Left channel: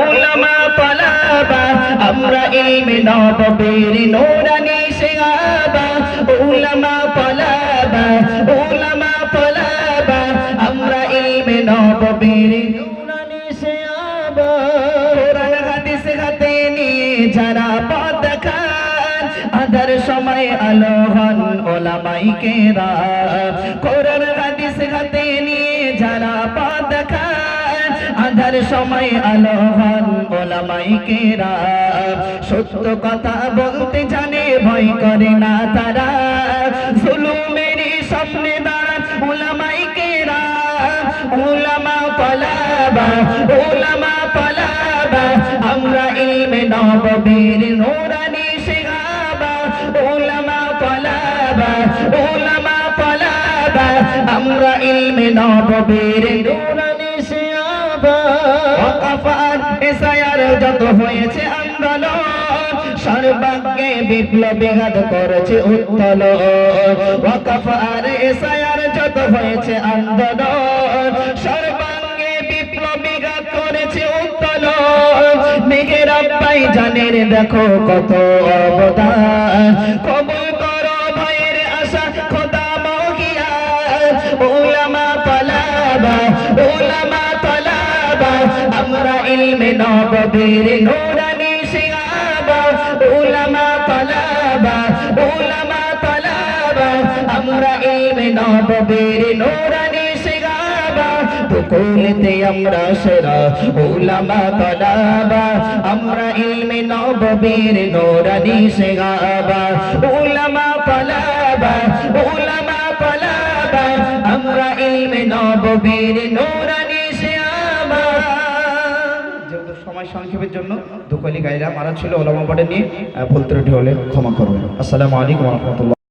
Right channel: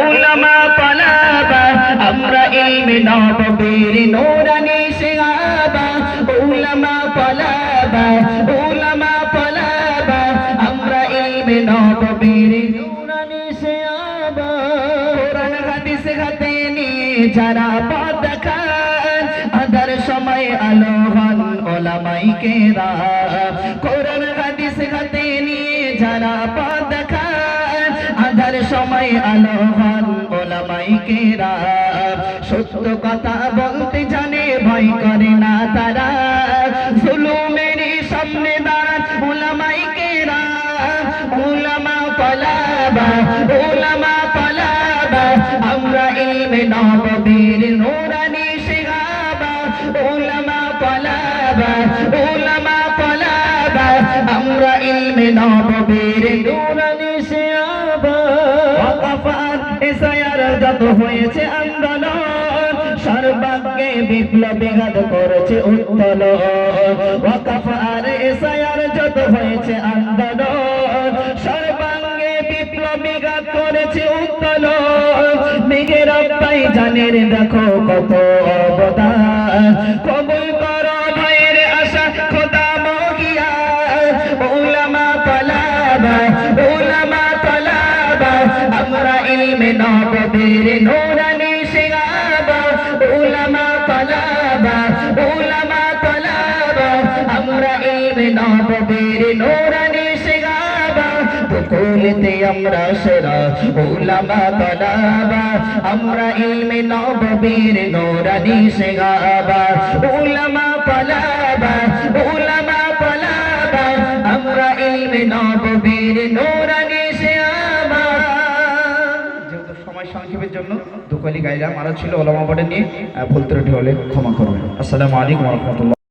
উলামা তালাবা আমরা ইলমে নববীর নূরানি শিহাবা উলামা তালাবা আমরা ইলমে নববীর নূরানি শিহাবা কোরআন হাদিস হাতে নিয়ে যারা পথ দেখান আদার সময় আলো হন উলামায়ে কেরাম কোরআন হাদিস হাতে নিয়ে যারা পথ দেখান আদার সময় আলো হন উলামায়ে কেরাম সত্য কথা বলতে জানে ভয় করে না তারা জুলুমের সামনে দাঁড়ান উলামায়ে কেরাম উলামা তালাবা আমরা ইলমে নববীর নূরানি শিহাবা উলামা তালাবা আমরা ইলমে নববীর নূরানি শিহাবা ওয়াকাফার ইসায়ার যত হয়েছে আন্দোলন সর্বাগ্যে বিপ্লবী ঘাত করেছে উত্তোলন ওয়াকাফার ইসায়ার যত হয়েছে আন্দোলন সর্বাঙ্গে বিপ্লবী ঘাত করেছে উত্তোলন মেঘের আব্বাই জানের দেখো কত অবদান কবুল করো ভাইয়ের আশা খোদা মহিয়া উলামা তালাবা আমরা ইলমে নববীর নূরানি শিহাবা উলামা তালাবা আমরা ইলমে নববীর নূরানি শিহাবা দুকুলতে আমরা সেরা উলামা তালাবা আমরা ইলমে নববীর নূরানি শিহাবা উলামা তালাবা আমরা ইলমে নববীর নূরানি শিহাবা যেহেতু সময় সংক্ষেপের জন্য দুকলি গাইলাম আরো ছিল ওলামা পড়ে নিয়ে ভুল ত্রুটি হলে ক্ষমা করবেন। আসসালামু আলাইকুম ওয়া রাহমাতুল্লাহ।